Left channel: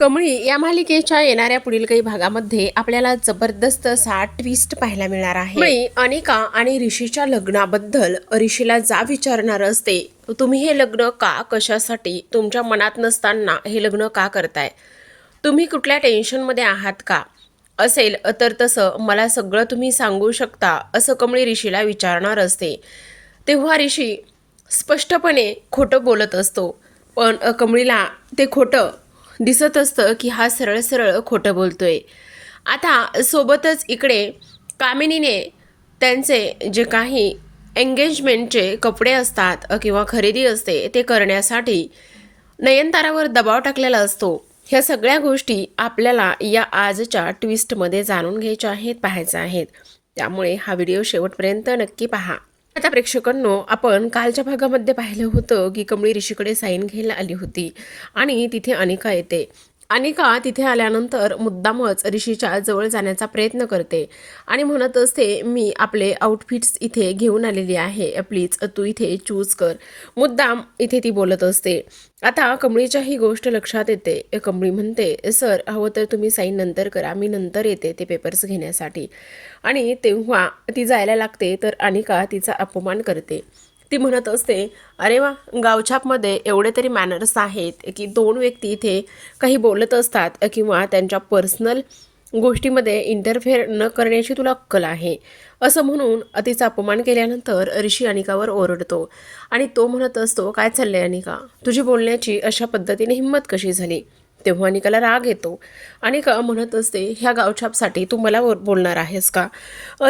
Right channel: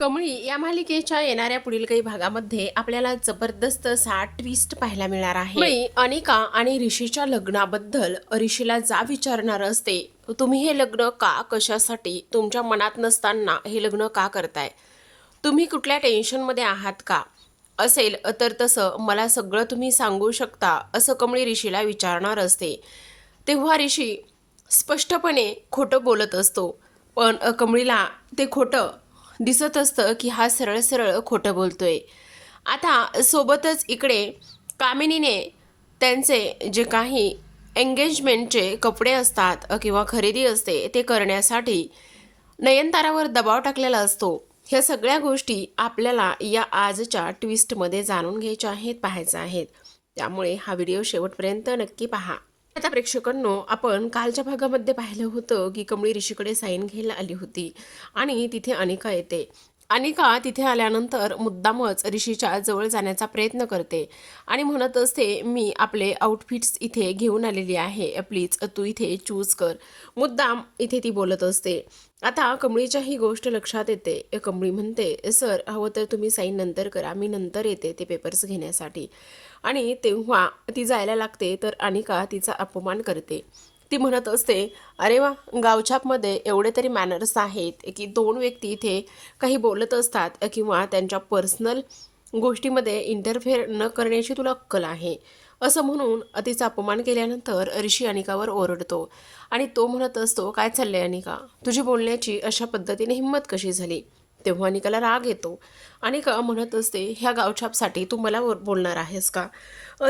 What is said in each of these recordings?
कमळी या मालिकेच्या येणाऱ्या पुढील काही भागामध्ये आपल्याला जबरदस्त असा ट्विस्ट पाहायला मिळणार आहे. कमळी अनिका आणि ऋषीच्या लग्नाबद्दल ऋषीला जा विचारणार असते. तुम्ही हे लग्न का कशासाठी तुमच्या मनात नसताना हे लग्न का करताय? तुम्ही कुठल्या टेन्शनमध्ये आहात का? असेल तर तसं मला सगळं तुम्ही सांगू शकता असं कमळी ऋषीला विचारणार असते. तेव्हा ऋषी स्पष्टपणे खोटं बोलत असतो. पण कमळीला ते खोटं दिसत असतं की हा सरळ सरळ खोटं बोलतोय. आता सोबतच इकडे कामिनीने त्यांचे जे काही एंगेजमेंटचे कपडे असतात किंवा खरेदी असते ते करण्यासाठी नयनतारावर दबाव टाकलेला असतो. ह्या सगळ्या गोष्टी आपल्याला या आजच्या ट्विस्टमध्ये जाणून घ्यायच्या आहेत पाहायच्या आहेत. त्यामुळे हा व्हिडिओ शेवटपर्यंत नक्की पहा. आता प्रेक्षकांनो आपण कालच्या भागामध्ये पाहिलं होतं की कमळी ऋषीकडे साईन घ्यायला आली होती. आणि तिथे अनिका येते. अनिका तिथे आल्यानंतर मुद्दामच ऋषीच्या जवळ जाण्याचा प्रयत्न करते. आणि म्हणत असते मी आपले आउटफिट्स इथे घेऊन आलेली आहे. प्लीज तू इथे चूज कर. मुद्दाम इथे ती बोलत असते. आता कमळीच्या ही गोष्ट लक्षात येते. कमळी म्हणते सर हवं तर तुम्ही साईन नंतर करा. मी नंतर येते ते पेपर्स घेण्यासाठी. आणि तेव्हा ती जायला लागते तर अनिका तिचा अपमान करते. ती म्हणत असते अरे वा गावछापमध्ये एवढे तरी मॅनर्स आहेत की दोन व्यक्ती इथे काही बोलत असतात किंवा त्यांच्या पर्सनल गोष्टीमध्ये इंटरफेअर न करण्याची तुला अक्कल आहे. असं म्हणून तिचा अपमान केल्यानंतर ऋषी अनिकावर ओरडतो आणि तो म्हणत असतो काय चाललंय अनिका? तुझी बोलण्याची अशा पद्धतीने हिंमत कशी झाली? तेव्हा अनिकाला राग येतो. अनिका म्हणत असते ह्या गावछापसाठी तू मला बोलणार आहेस का?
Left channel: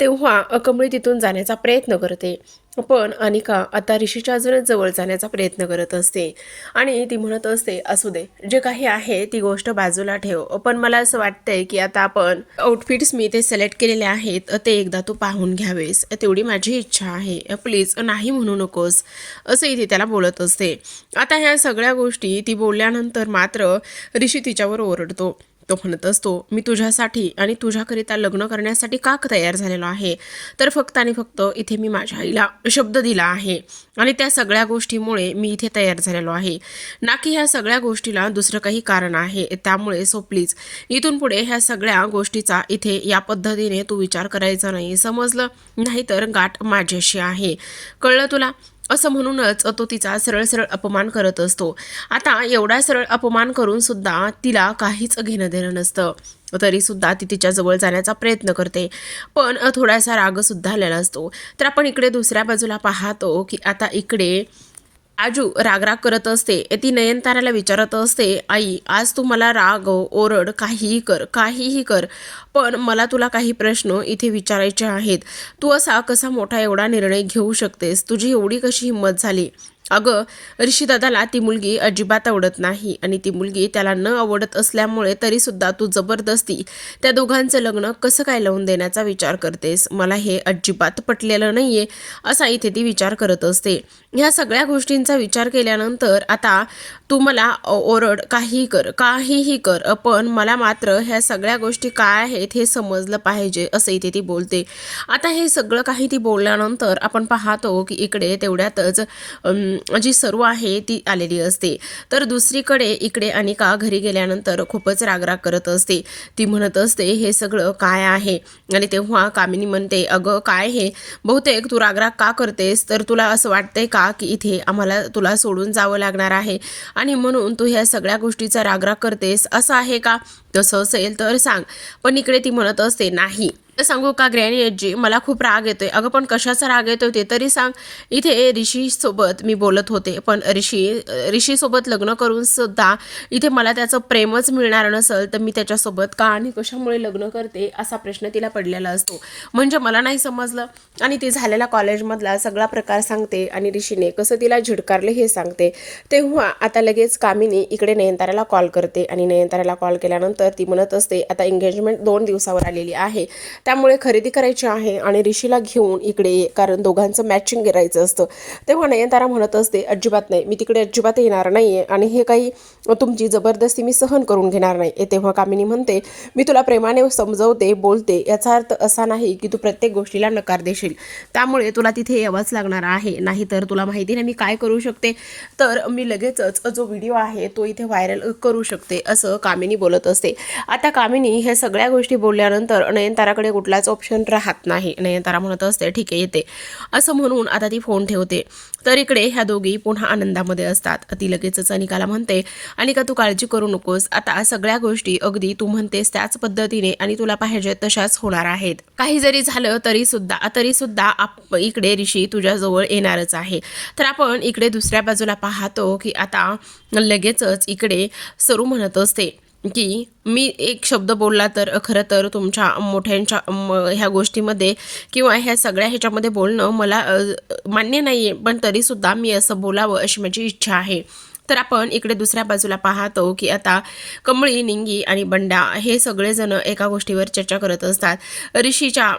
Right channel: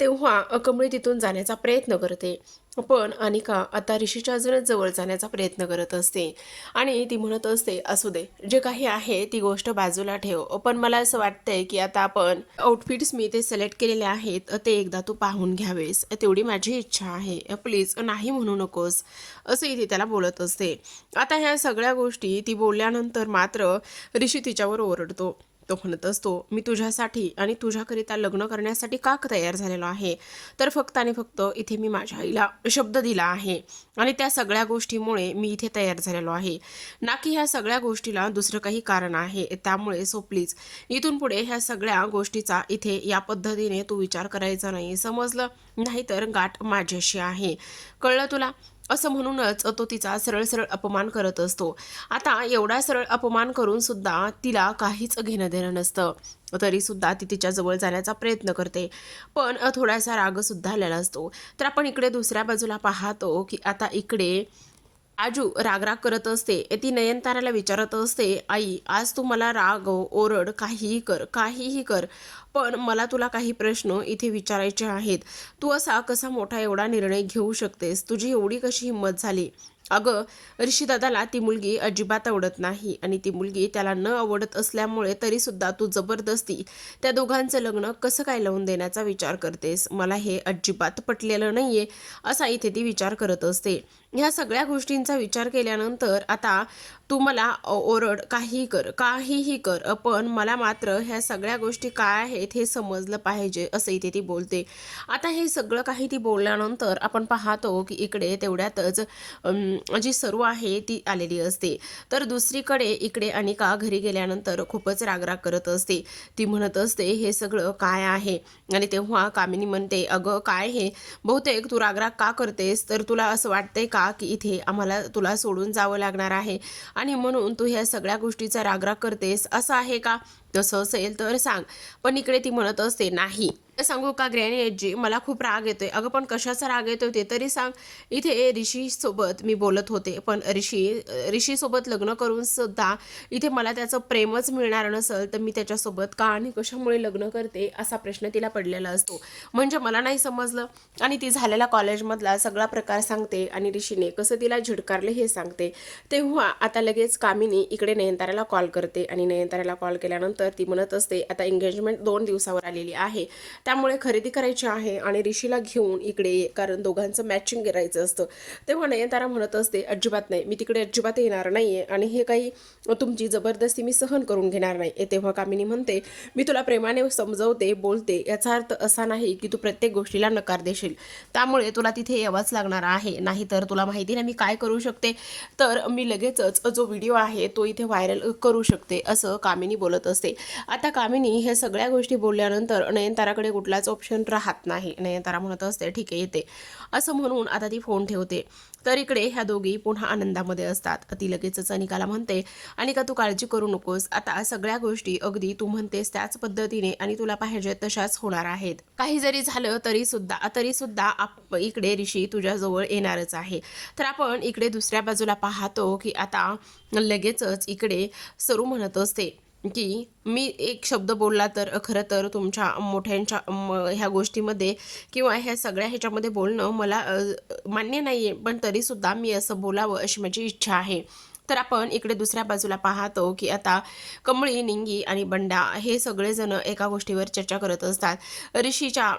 तेव्हा कमळी तिथून जाण्याचा प्रयत्न करते. पण अनिका आता ऋषीच्या अजूनच जवळ जाण्याचा प्रयत्न करत असते. आणि ती म्हणत असते असू दे जे काही आहे ती गोष्ट बाजूला ठेव. पण मला असं वाटतंय की आता आपण आउटफिट्स मी ते सिलेक्ट केलेले आहेत ते एकदा तू पाहून घ्यावेस. तेवढी माझी इच्छा आहे. प्लीज नाही म्हणू नकोस. असं इथे त्याला बोलत असते. आता ह्या सगळ्या गोष्टी ती बोलल्यानंतर मात्र ऋषी तिच्यावर ओरडतो. तो म्हणत असतो मी तुझ्यासाठी आणि तुझ्याकरिता लग्न करण्यासाठी का तयार झालेलो आहे? तर फक्त आणि फक्त इथे मी माझ्या आईला शब्द दिला आहे आणि त्या सगळ्या गोष्टीमुळे मी इथे तयार झालेलो आहे. ना की ह्या सगळ्या गोष्टीला दुसरं काही कारण आहे. त्यामुळे सो प्लीज इथून पुढे ह्या सगळ्या गोष्टीचा इथे या पद्धतीने तू विचार करायचा नाही. समजलं? नाहीतर गाठ माझ्याशी आहे. कळलं तुला? असं म्हणूनच तो तिचा सरळ सरळ अपमान करत असतो. आता एवढा सरळ अपमान करून सुद्धा तिला काहीच घेणं देणं नसतं. तरी सुद्धा ती तिच्या जवळ जाण्याचा प्रयत्न करते. पण थोडासा रागसुद्धा आलेला असतो. तर आपण इकडे दुसऱ्या बाजूला पाहतो की आता इकडे आजू रागराग करत असते. ती नयनताराला विचारत असते आई आज तू मला राग ओरड काहीही कर काहीही कर पण मला तुला काही प्रश्न इथे विचारायचे आहेत. तू असा कसा मोठा एवढा निर्णय घेऊ शकतेस? तुझी एवढी कशी हिंमत झाली? अगं ऋषीदादाला ती मुलगी अजिबात आवडत नाही आणि ती मुलगी त्याला न आवडत असल्यामुळे तरीसुद्धा तू जबरदस्ती त्या दोघांचं लग्न कसं काय लावून देण्याचा विचार करतेस? मला हे अजिबात पटलेलं नाही आहे असा इथे ती विचार करत असते. ह्या सगळ्या गोष्टींचा विचार केल्यानंतर आता तू मला ओरड काहीही कर काहीही कर पण मला मात्र ह्या सगळ्या गोष्टी काय आहेत हे समजलं पाहिजे असं इथे ती बोलते. आता हे सगळं काही ती बोलल्यानंतर आपण पाहतो की इकडे तेवढ्यातच जी सर्व आहे ती आलेली असते. तर दुसरीकडे इकडे अनिका घरी गेल्यानंतर खूपच रागराग करत असते. ती म्हणत असते हे सगळं काय आहे? आणि तेव्हा कामिनी म्हणते अगं काय हे? बहुतेक तू रागराग का करतेस? तर तुला असं वाटतंय का की इथे आम्हाला तुला सोडून जावं लागणार आहे? आणि म्हणून तू ह्या सगळ्या गोष्टीचा रागराग करतेस. असं आहे का? तसं असेल तर सांग. पण इकडे ती म्हणत असते नाही. सांगू का ग्रॅनी मला खूप राग येतोय. अगं पण कशाचा राग येतोय ते तरी सांग. इथे ऋषी सोबत मी बोलत होते पण ऋषी ऋषी सोबत लग्न करून सुद्धा इथे मला त्याचं प्रेमच मिळणार नसेल तर मी त्याच्यासोबत का आणि कशामुळे लग्न करते असा प्रश्न तिला पडलेला असतो. म्हणजे मला नाही समजलं. आणि ती झालेला कॉलेजमधला सगळा प्रकार सांगते आणि ऋषीने कसं तिला झिडकारले हे सांगते. तेव्हा आता लगेच कामिनी इकडे नयनताराला कॉल करते आणि नयनताराला कॉल केल्यानंतर ती म्हणत असते आता एंगेजमेंट दोन दिवसावर आलेली आहे. त्यामुळे खरेदी करायची आहे आणि ऋषीला घेऊन इकडे ये कारण दोघांचं मॅचिंग करायचं असतं. तेव्हा नयनतारा म्हणत असते अजिबात नाही मी तिकडे अजिबात येणार नाही आहे आणि हे काही तुमची जबरदस्ती मी सहन करून घेणार नाही. तेव्हा कामिनी म्हणते मी तुला प्रेमाने समजवते बोलते याचा अर्थ असा नाही की तू प्रत्येक गोष्टीला नकार देशील. त्यामुळे तुला तिथे यावंच लागणार आहे. नाहीतर तुला माहिती नाही मी काय करू शकते. तर मी लगेचच जो व्हिडिओ आहे तो इथे व्हायरल करू शकते असं कामिनी बोलत असते. आता कामिनी हे सगळ्या गोष्टी बोलल्यानंतर नयनताराकडे कुठलाच ऑप्शन राहत नाही. नयनतारा म्हणत असते ठीक आहे येते. असं म्हणून आता ती फोन ठेवते. तर इकडे ह्या दोघी पुन्हा आनंदामध्ये असतात. ती लगेचच अनिकाला म्हणते अनिका तू काळजी करू नकोस. आता सगळ्या गोष्टी अगदी तू म्हणतेस त्याच पद्धतीने आणि तुला पाहिजे तशाच होणार आहेत. काही जरी झालं तरी सुद्धा तरी सुद्धा आप इकडे ऋषी तुझ्याजवळ येणारच आहे. तर आपण इकडे दुसऱ्या बाजूला पाहतो की आता लगेचच इकडे सरू म्हणत असते की मी एक शब्द बोलला तर खरं तर तुमच्या मोठ्यांच्या म- ह्या गोष्टीमध्ये किंवा ह्या सगळ्या ह्याच्यामध्ये बोलणं मला मान्य नाही आहे पण तरीसुद्धा मी असं बोलावं अशी माझी इच्छा आहे. तर आपण इकडे दुसऱ्या बाजूला पाहतो की आता कमळी निंगी आणि बंडा हे सगळेजण एका गोष्टीवर चर्चा करत असतात. ऋषीच्या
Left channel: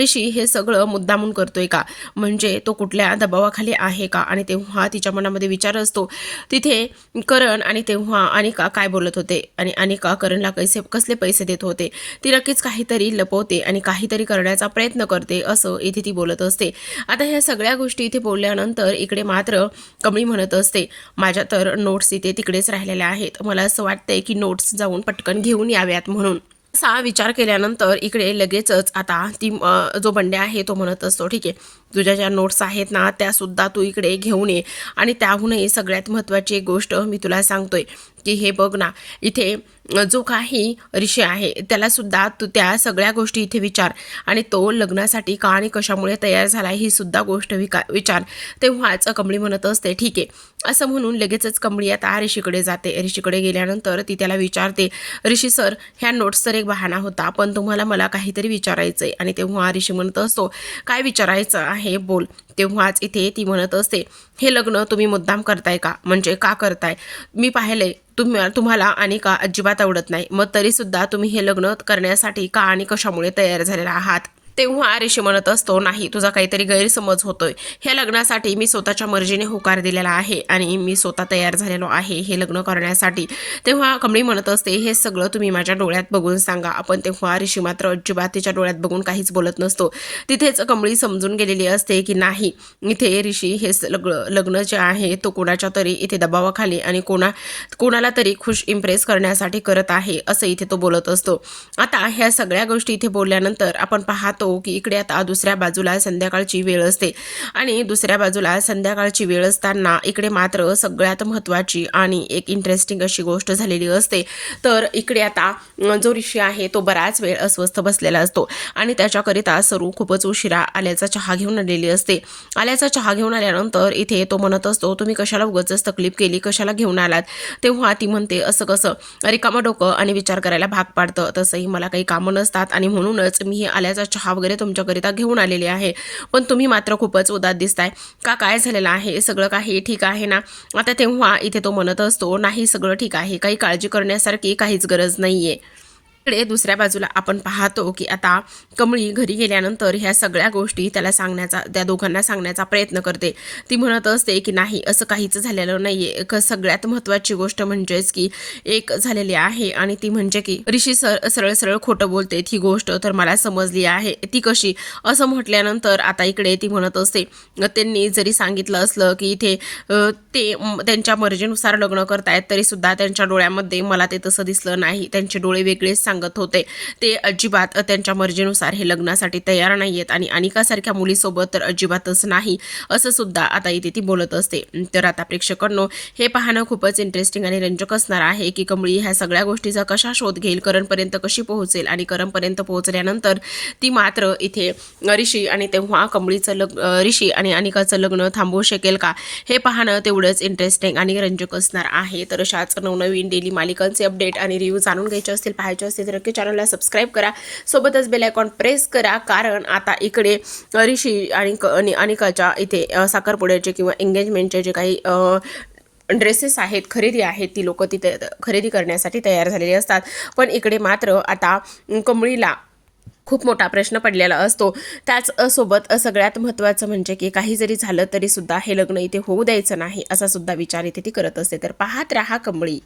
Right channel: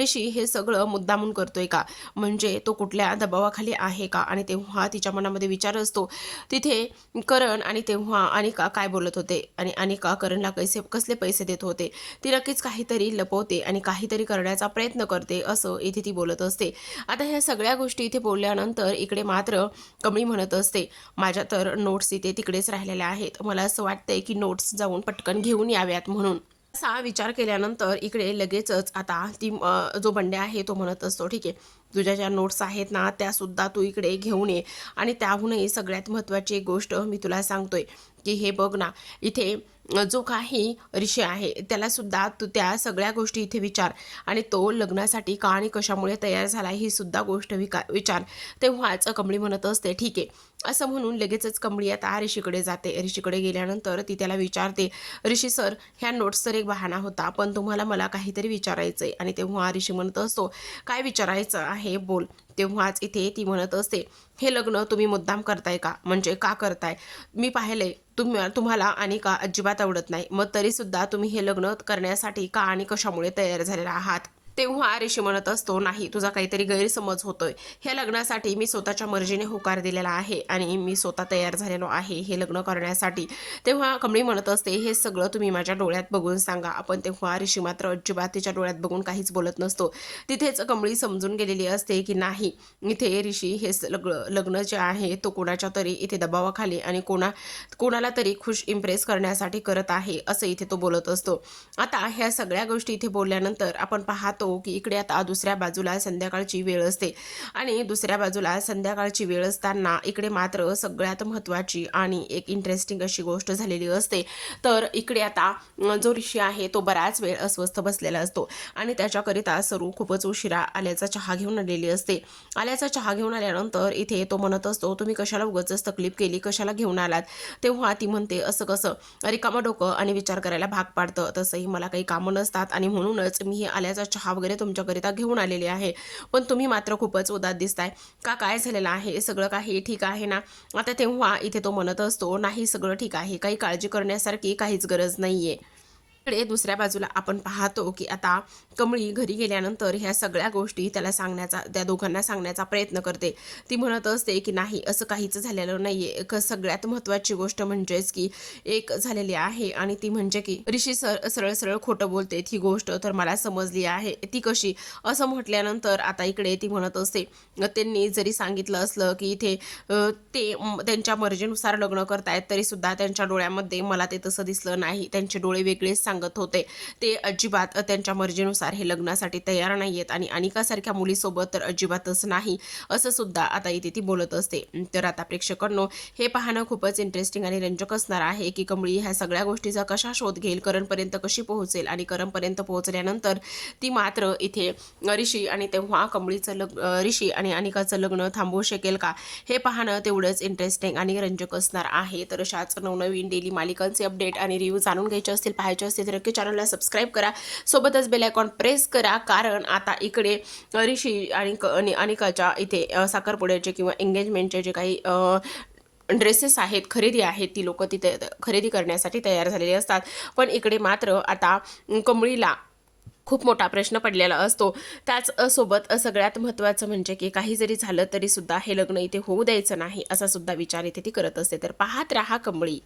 ऋषी हे सगळं मुद्दामून करतोय का? म्हणजे तो कुठल्या दबावाखाली आहे का? आणि तेव्हा तिच्या मनामध्ये विचार असतो तिथे करण आणि तेव्हा अनिका काय बोलत होते? आणि अनिका करणला कैसे कसले पैसे देत होते? ती नक्कीच काहीतरी लपवते आणि काहीतरी करण्याचा प्रयत्न करते असं इथे ती बोलत असते. आता ह्या सगळ्या गोष्टी इथे बोलल्यानंतर इकडे मात्र कमळी म्हणत असते माझ्या तर नोट्स इथे तिकडेच राहिलेल्या आहेत. मला असं वाटतंय की नोट्स जाऊन पटकन घेऊन याव्यात म्हणून. असा विचार केल्यानंतर इकडे लगेचच आता ती जो बंड्या आहे तो म्हणत असतो ठीक आहे तुझ्या ज्या नोट्स आहेत ना त्यासुद्धा तू इकडे घेऊन ये. आणि त्याहूनही सगळ्यात महत्त्वाची एक गोष्ट मी तुला सांगतोय की हे बघ ना इथे जो काही ऋषी आहे त्याला सुद्धा तू त्या सगळ्या गोष्टी इथे विचार. आणि तो लग्नासाठी का आणि कशामुळे तयार झाला ही सुद्धा गोष्ट विका विचार. तेव्हाच कमळी म्हणत असते ठीक आहे. असं म्हणून लगेचच कमळी आता ऋषीकडे जाते. ऋषीकडे गेल्यानंतर ती त्याला विचारते ऋषी सर ह्या नोट्स तर एक बहाणा होता पण तुम्हाला मला काहीतरी विचारायचं आहे आणि तेव्हा ऋषी म्हणत असतो काय विचारायचं आहे? बोल. तेव्हाच इथे ती म्हणत असते हे लग्न तुम्ही मुद्दाम करताय का? म्हणजे का करताय? मी पाहिलंय तुम्ही तुम्हाला आणि का अजिबात आवडत नाही. मग तरीसुद्धा तुम्ही हे लग्न करण्यासाठी का आणि कशामुळे तयार झालेला आहात? तेव्हा ऋषी म्हणत असतो नाही तुझा काहीतरी गैरसमज होतोय. ह्या लग्नासाठी मी स्वतःच्या मर्जीने होकार दिलेला आहे आणि मी स्वतः तयार झालेलो आहे हे लग्न करण्यासाठी. तेव्हा कमळी म्हणत असते हे सगळं तुम्ही माझ्या डोळ्यात बघून सांगा. आपण तेव्हा ऋषी मात्र अजिबात तिच्या डोळ्यात बघून काहीच बोलत नसतो. तिथेच कमळी समजून गेलेली असते की नाही इथे ऋषी हे स- लग्न लग्न जे आहे तो कोणाच्या तरी इथे दबावाखाली आणि कोणा कोणाला तरी खुश इम्प्रेस करण्यासाठी करत आहे असं इथे तो बोलत असतो. आता ह्या सगळ्या गोष्टी इथे बोलल्यानंतर आपण पाहतो की इकडे आता दुसऱ्या बाजूला संध्याकाळची वेळ असते. आणि दुसऱ्या बाजूला संध्याकाळची वेळ असताना इकडे मात्र सगळ्यात महत्त्वाची आणि एक इंटरेस्टिंग अशी गोष्ट झालेली असते. तर इकडे आता जो ऋषी आहे तो बराच वेळ अस्वस्थ बसलेला असतो. आणि त्याच्याकरिता सरू खूपच उशिरा आल्याचा चहा घेऊन आलेली असते. आल्याचा चहा घेऊन आल्यानंतर इथे तो म्हणत असतो तुम्ही कशाला उगाचच तकलीफ केली? कशाला घेऊन आलात? तेव्हा ती म्हणते असं कसं? रिकामं डोकं आणि विचार करायला भाग पाडतं. तसंही मला काही कामं नसतात आणि म्हणूनच मी हे आल्याचा चहा वगैरे तुमच्याकरिता घेऊन आलेले आहे. पण तुम्ही मात्र खूपच उदात दिसताय. का काय झालेलं आहे? सगळं काही ठीक आहे ना? आता तेव्हा इथे तो म्हणत असतो नाही सगळं ठीक आहे. काही काळजी करण्यासारखी काहीच गरज नाहीये. इकडे दुसऱ्या बाजूला आपण पाहतो की आता कमळी घरी गेल्यानंतर ह्या सगळ्या गोष्टी त्याला सांगण्याचा त्या दोघांना सांगण्याचा प्रयत्न करते. ती म्हणत असते की नाही असं काहीच झालेलं नाही क सगळ्यात महत्त्वाची गोष्ट म्हणजेच की एक झालेली आहे आणि ती म्हणजे की ऋषी सर सरळ सरळ खोटं बोलते. ही गोष्ट तर मला समजली आहे. ती कशी? असं म्हटल्यानंतर आता इकडे ती म्हणत असते त्यांनी जरी सांगितलं असलं की इथे ते त्यांच्या मर्जीनुसार लग्न करतायत तरी सुद्धा त्यांच्या डोळ्यामध्ये मला ते तसं दिसलं नाही. त्यांचे डोळे वेगळेच सांग सांगत होते. ते अजिबात त्यांच्या मर्जीनुसार हे लग्नासाठी तयार नाही आहेत आणि अनिकासारख्या मुलीसोबत तर अजिबातच नाही असं सुद्धा आता इथे ती बोलत असते. तर आता प्रेक्षकांनो हे पाहणं खूपच इंटरेस्टिंग आणि रंजक असणार आहे की कमळी ह्या सगळ्या गोष्टीचा कशा शोध घेईल करणपर्यंत कशी पोहोचेल आणि करणपर्यंत पोहोचल्यानंतर ती मात्र इथे ऋषी आणि तेव्हा कमळीचं लग्न ऋषी आणि अनिकाचं लग्न थांबवू शकेल का? हे पाहणं तेवढंच इंटरेस्टिंग आणि रंजक असणार आहे. तर अशाच नवनवीन डेली मालिकांचे अपडेट आणि रिव्ह्यू जाणून घ्यायचे असतील पाहायचे असतील तर नक्की चॅनलला सबस्क्राईब करा. सोबतच बेल आयकॉन प्रेस करा कारण आता इकडे ऋषी आणि क- आणि अनिकाच्या इथे साखरपुड्याचे किंवा एंगेजमेंटचे जे काही ड्रेसेस आहेत खरेदी आहेत ती लोक तिथे खरेदी करण्यासाठी तयार झालेली असतात. पण इकडे मात्र आता कमळीला खूप मोठा प्रश्न पडलेला असतो. त्याचसोबत सगळ्यात महत्त्वाचं म्हणजे की काही जरी झालं तरीसुद्धा हे लग्न इथे होऊ द्यायचं नाही असा सुद्धा विचार इथे ती करत असते. तर पाहत राहा कंबळी